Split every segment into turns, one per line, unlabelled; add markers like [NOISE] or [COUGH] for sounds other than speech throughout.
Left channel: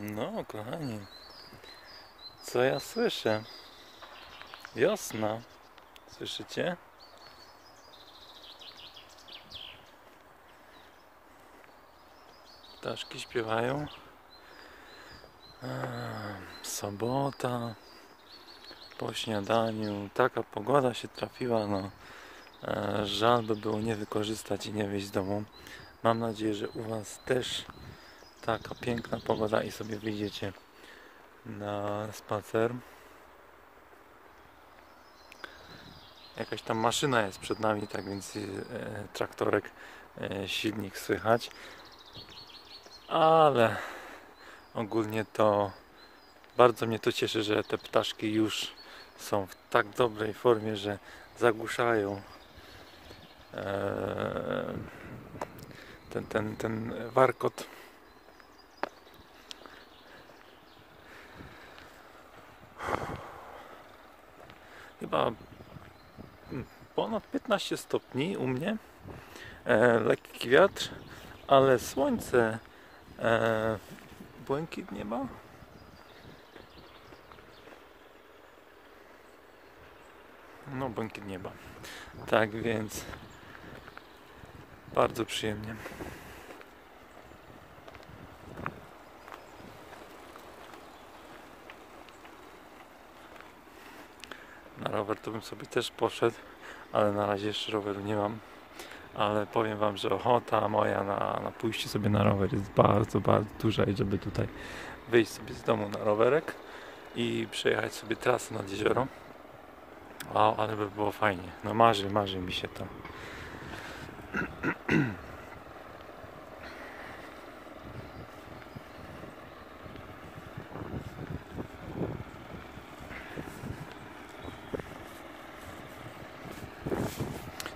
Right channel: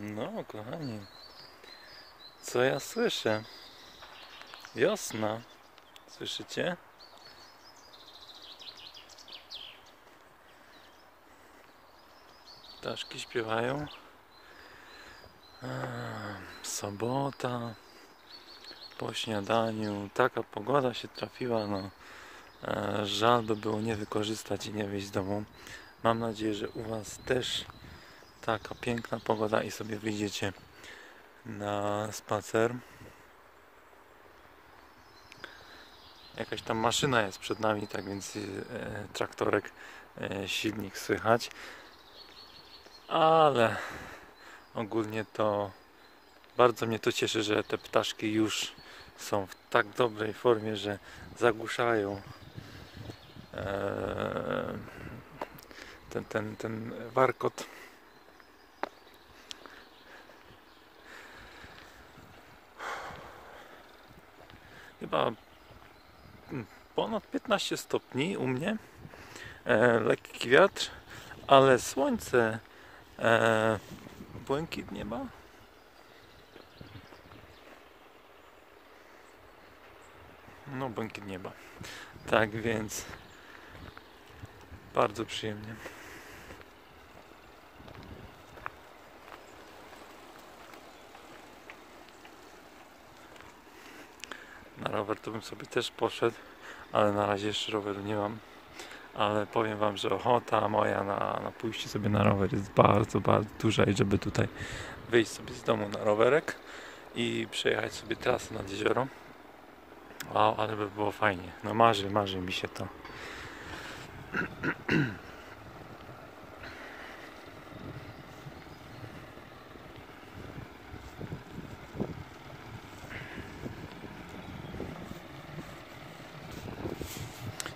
No, kochani. Co ja słyszę? Wiosna. Słyszycie? Ptaszki śpiewają. Sobota. Po śniadaniu. Taka pogoda się trafiła. No. Eee, Żal by było nie wykorzystać i nie wyjść z domu. Mam nadzieję, że u Was też taka piękna pogoda i sobie wyjdziecie na spacer. Jakaś tam maszyna jest przed nami, tak więc e, traktorek, e, silnik słychać. Ale ogólnie to bardzo mnie to cieszy, że te ptaszki już są w tak dobrej formie, że zagłuszają e, ten, ten, ten warkot. Chyba mm, ponad 15 stopni u mnie. E, lekki wiatr, ale słońce, e, błękit nieba. No, błękit nieba. Tak więc bardzo przyjemnie. Rower to bym sobie też poszedł, ale na razie jeszcze roweru nie mam. Ale powiem Wam, że ochota moja na, na pójście sobie na rower jest bardzo, bardzo duża i żeby tutaj wyjść sobie z domu na rowerek i przejechać sobie trasę nad jezioro. Wow, ale by było fajnie. No marzy, marzy mi się to. [CLEARS THROAT]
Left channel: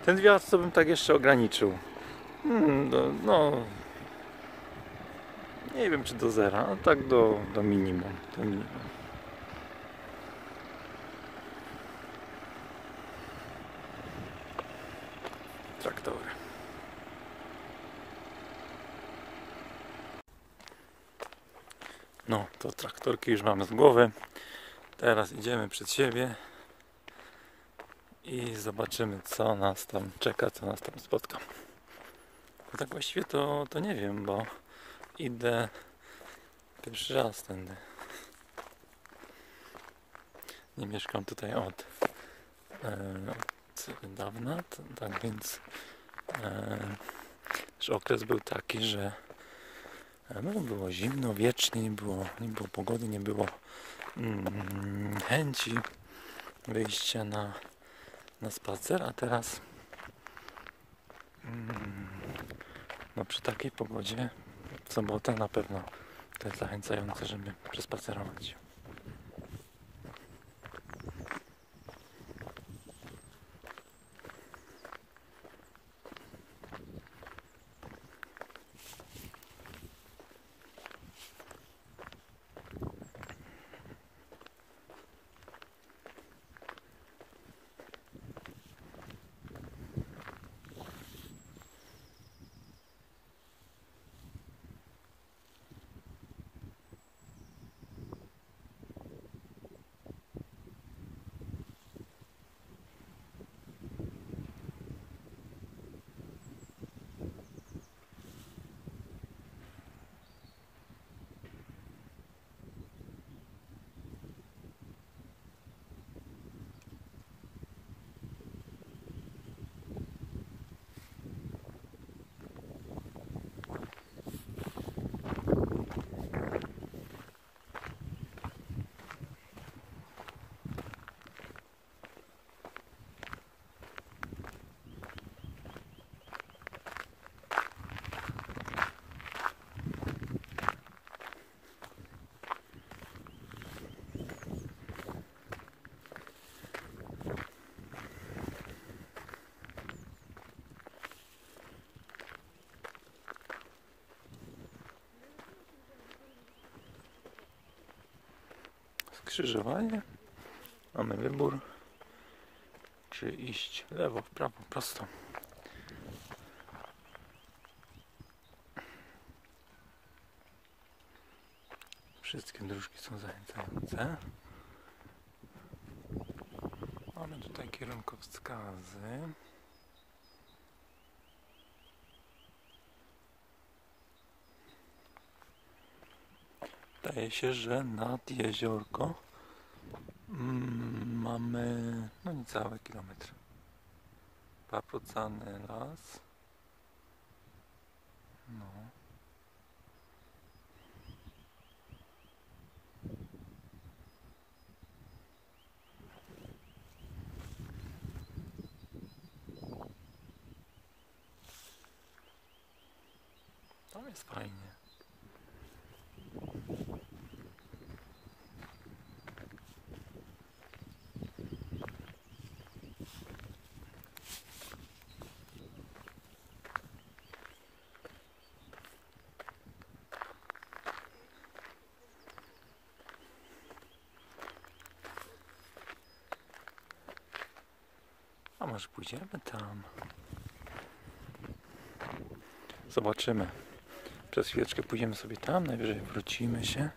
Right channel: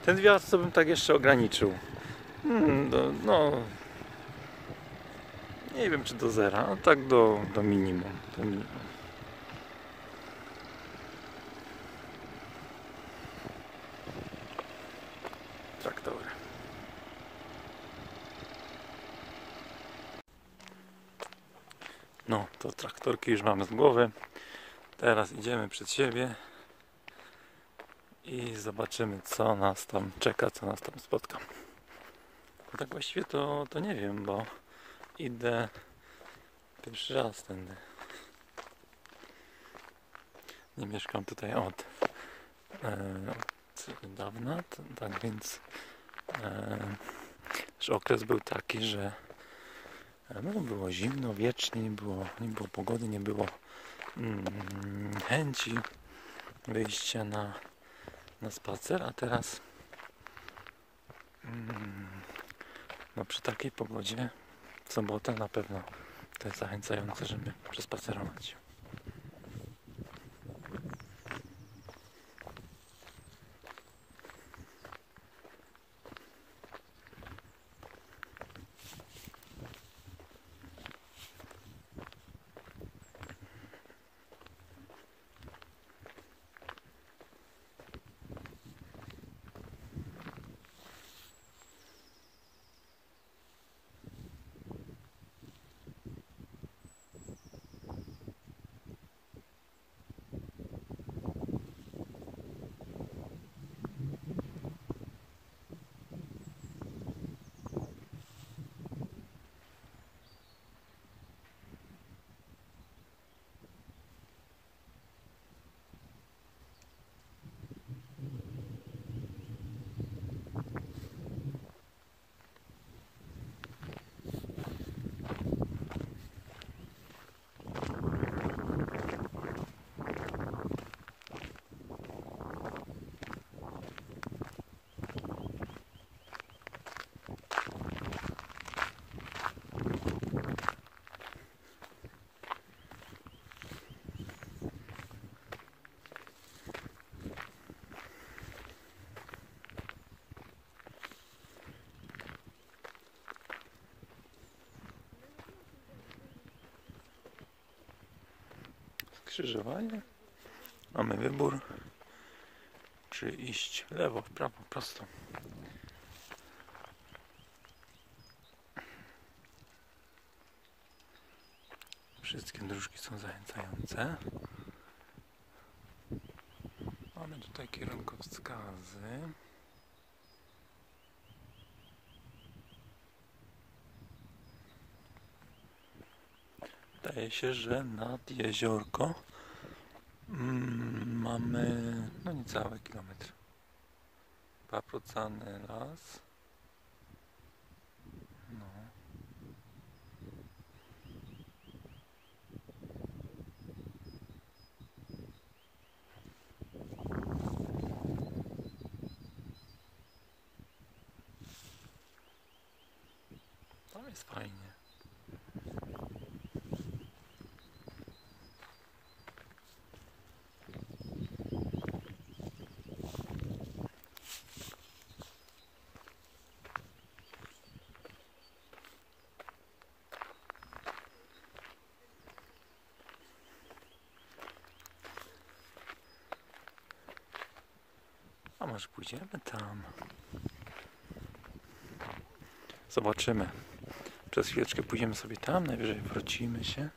Ten wiatr to bym tak jeszcze ograniczył. Hmm, do, no. Nie wiem czy do zera, a tak do, do minimum. Do minimum. Traktory. No, to traktorki już mamy z głowy. Teraz idziemy przed siebie i zobaczymy co nas tam czeka, co nas tam spotka. No tak właściwie to, to nie wiem, bo idę pierwszy raz tędy. Nie mieszkam tutaj od, e, od dawna, tak więc e, okres był taki, że e, no, było zimno, wiecznie, nie było, nie było pogody, nie było mm, chęci wyjścia na na spacer, a teraz no przy takiej pogodzie w sobotę na pewno to jest zachęcające, żeby przespacerować. Skrzyżowanie. Mamy wybór, czy iść lewo, w prawo, prosto. Wszystkie dróżki są zachęcające. Mamy tutaj kierunkowskazy. Wydaje się, że nad jeziorko mm, mamy no niecały kilometr. Paprocany las. No. Tam jest fajnie. A może pójdziemy tam? Zobaczymy. Przez chwileczkę pójdziemy sobie tam, najwyżej wrócimy się.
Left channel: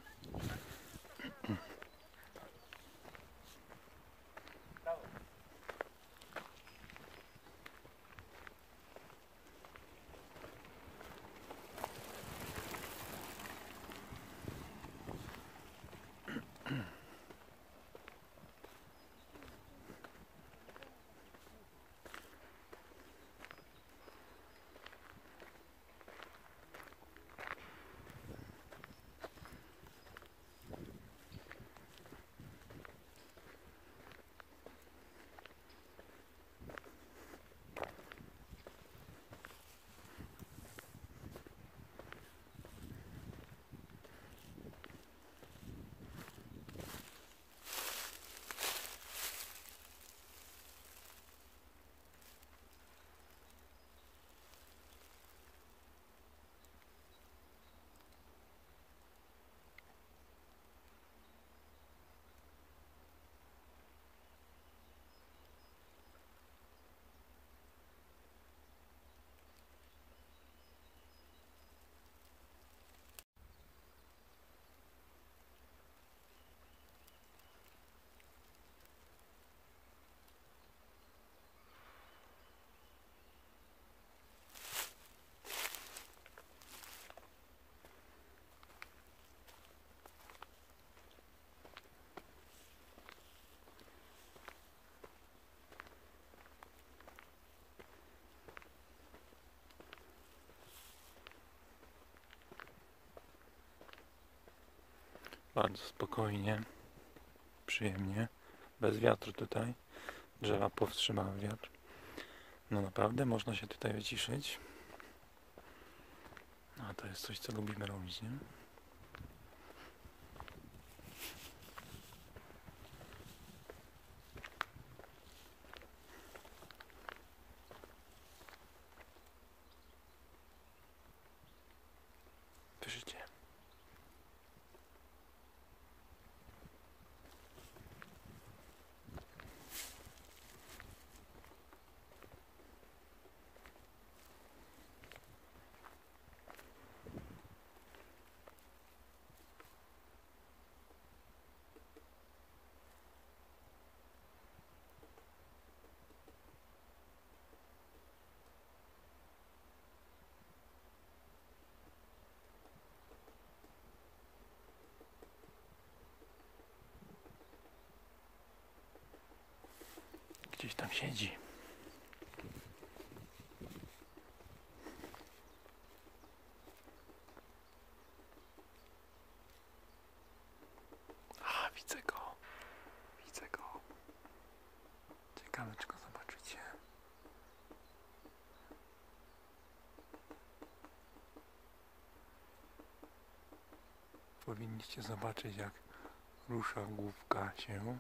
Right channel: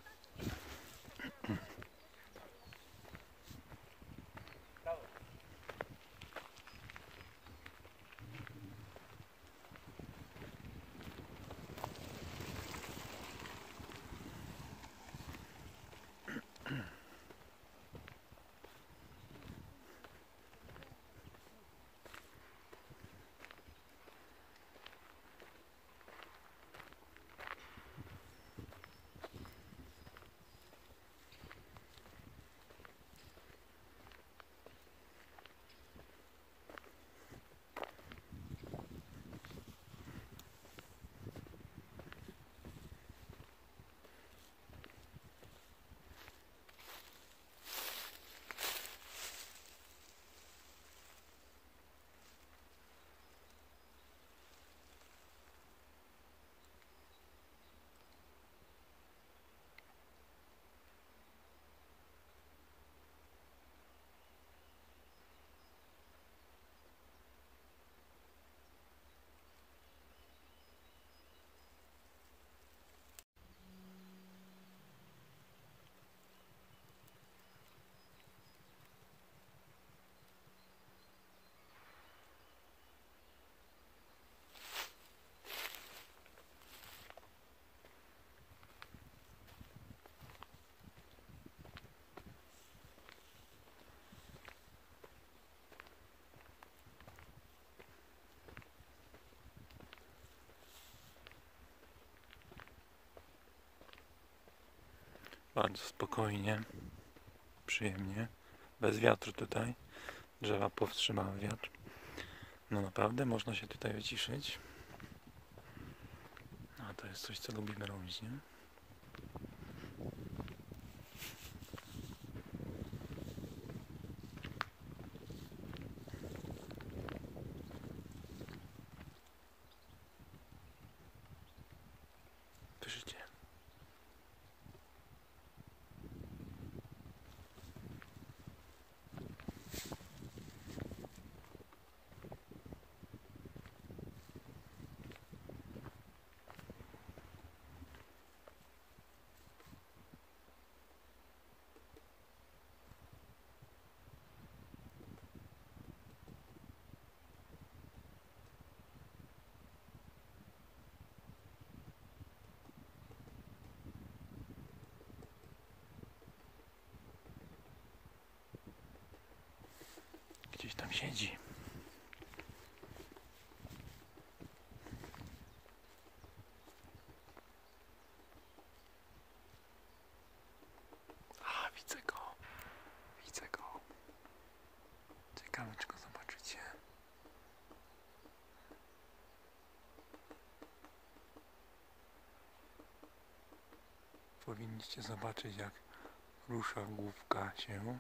Bardzo spokojnie, przyjemnie, bez wiatru tutaj. Drzewa powstrzymały wiatr. No naprawdę można się tutaj wyciszyć. A to jest coś, co lubimy robić, nie? Słyszycie? Gdzieś tam siedzi. A, widzę go. Widzę go. Ciekawe, czy go zobaczycie. Powinniście zobaczyć, jak rusza główka się.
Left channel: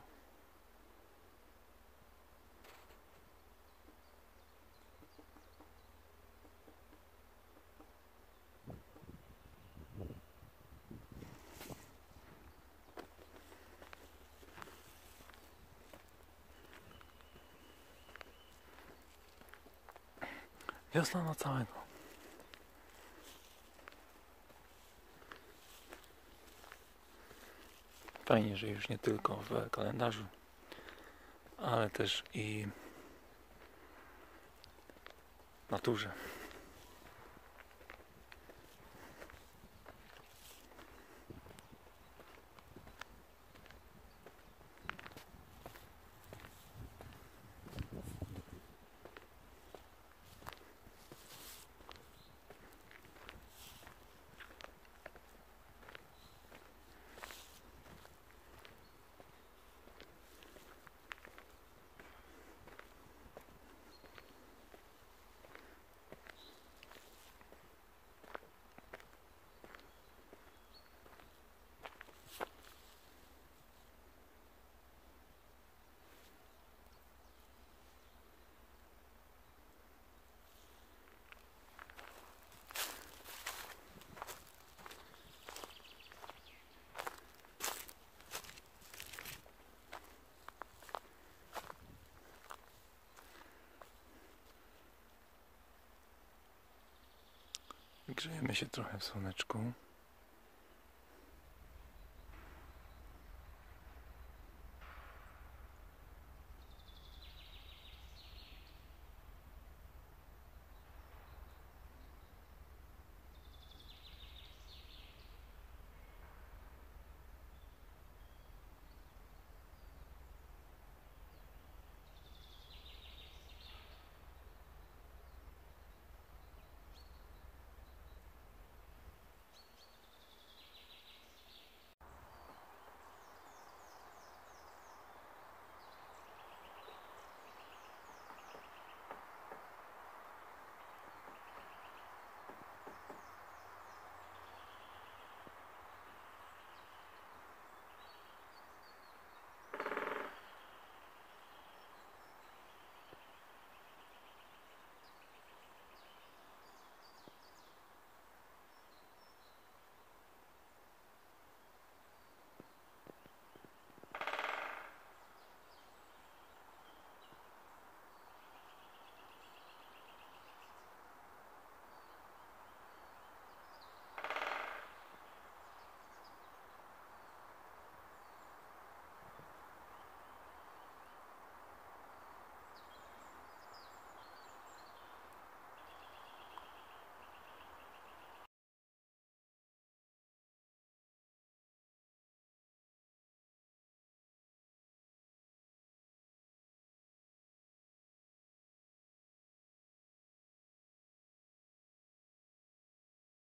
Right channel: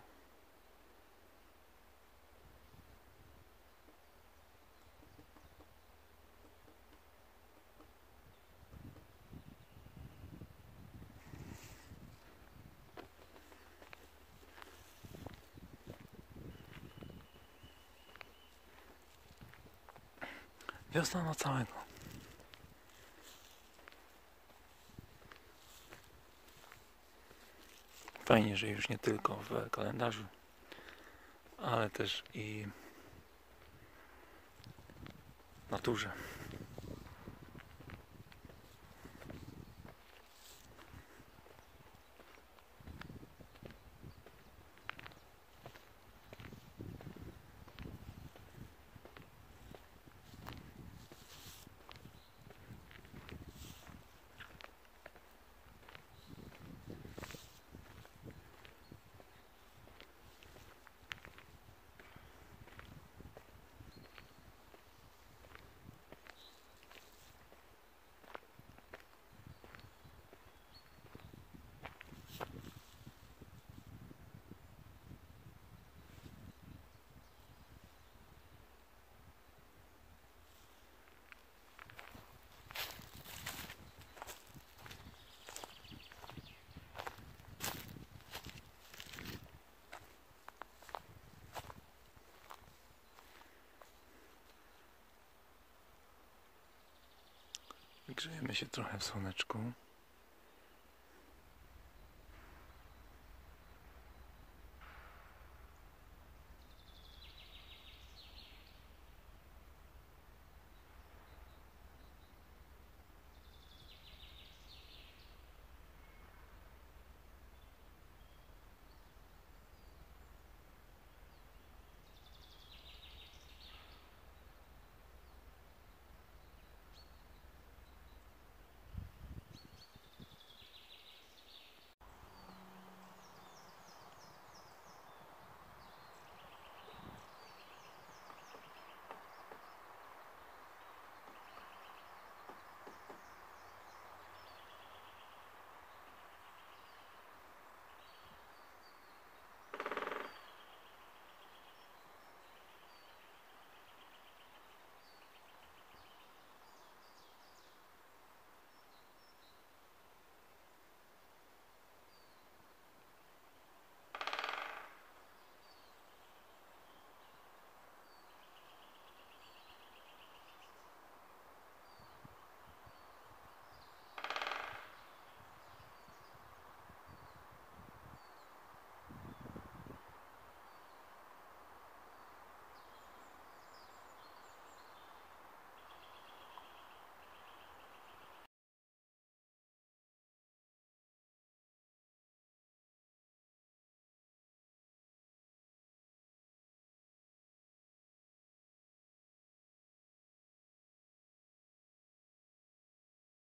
Wiosna na całego. Fajnie, że już nie tylko w kalendarzu, ale też i naturze. Grzejemy się trochę w słoneczku.